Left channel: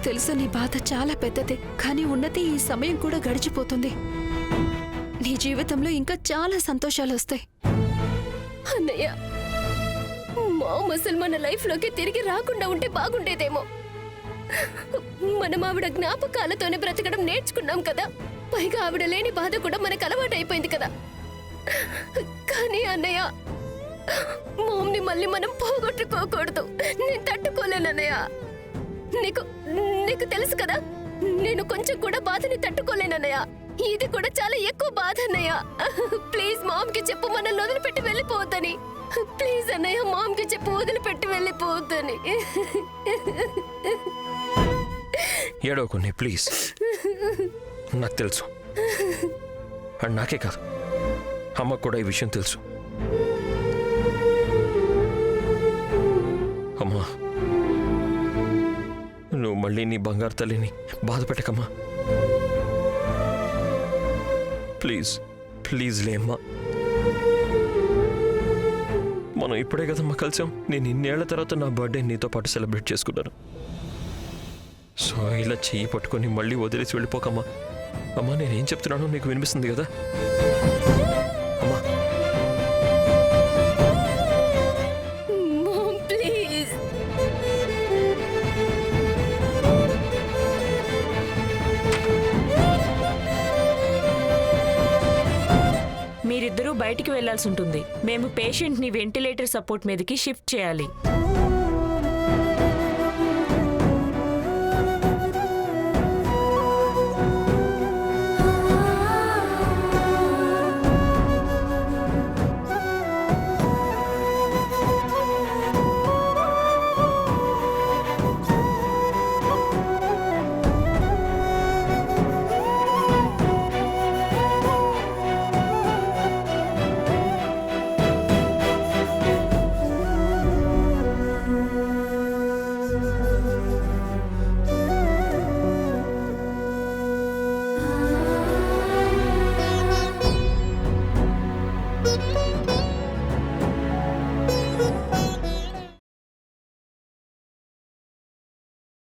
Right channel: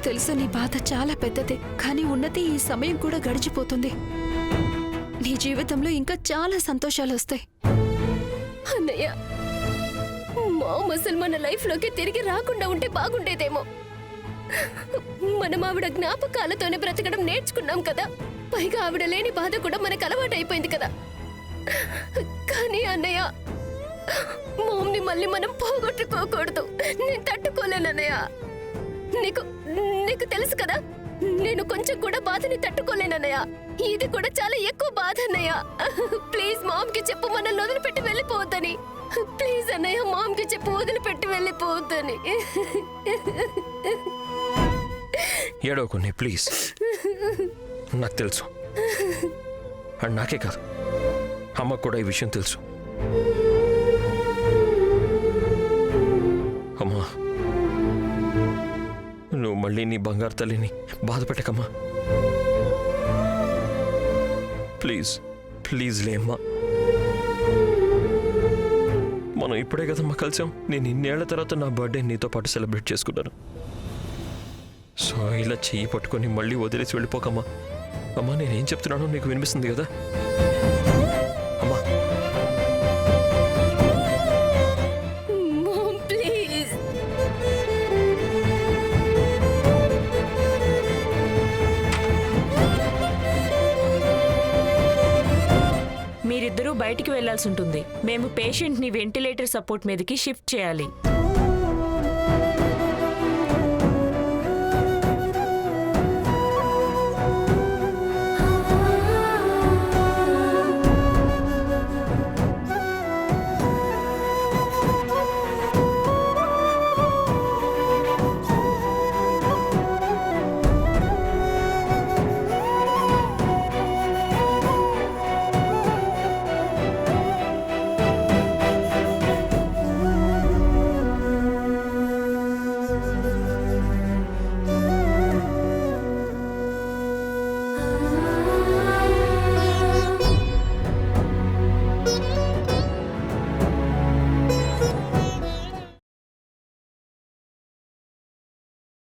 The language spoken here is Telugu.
నాకు తెలుసు నీ బాధ చాలా పెద్దది, కానీ ఉన్నతి ఈ సమయం కూడా గడిచిపోతుంది. నీ జీవితంలో ఇంకా చాలా సంతోషాలు వస్తాయి. అన్నయ్య, మామ్ అసలు మన లైఫ్లోకి తిరిగి రాకుండా ఉంటే బాగుండేదేమో. మనం ఆవిడ జ్ఞాపకాలతోనే బ్రతకడం నేర్చుకున్నాం కదా. పైగా ఆవిడ లేని బాధ కూడా మనకు అలవాటైపోయింది కదా. కానీ అన్నయ్య, మామ్ని మళ్ళీ మనం పోగొట్టుకోకూడదు. నేను తట్టుకోలేనన్నయ్య. నీకు నీకు తెలుసు కదా, నేను కొంచెం కూడా బాధని తట్టుకోలేనన్నయ్య. ఇది కూడా చాలా ఎక్కువ బాధ అన్నయ్య. ప్లీజ్ మామ్కి చెప్పు మనల్ని వదిలిపెట్టి వెళ్ళిపోవద్దని. ప్లీజ్ అన్నయ్య, మామ్కి చెప్పు వదిలిపెట్టి వెళ్ళిపోవద్దని. ఏడవకుని ప్లీజ్. నాకు తెలుసు, అండ్ నాకే కాదు అమ్మకు కూడా ఈ విషయం తెలుసు. అమ్మా, నువ్వు మళ్ళీ నీ బంగారు తల్లిని బాధ పెట్టకమ్మా. ప్లీజ్ ప్లీజ్ లేమ్మా. మనం ఇప్పుడే కదమ్మా కలిసాం. నేను ఇన్నేళ్ల తర్వాత నా బర్త్డే నీతో పాటు సెలబ్రేట్ చేసుకున్నాను. సో ఇలా చెయ్యి పట్టుకొని మళ్ళీ వదిలేసి వెళ్ళిపోకమ్మా. అమ్మా, నేనేం చెప్తున్నానో నీకు వినిపిస్తుంది కదా అమ్మా? Ma'am please. మీరిద్దరూ బయటికి వెళ్లాల్సి ఉంటుంది. మేము పేషెంట్ ని వెంటిలేటర్ సపోర్ట్ మీదకి షిఫ్ట్ చేయాలి.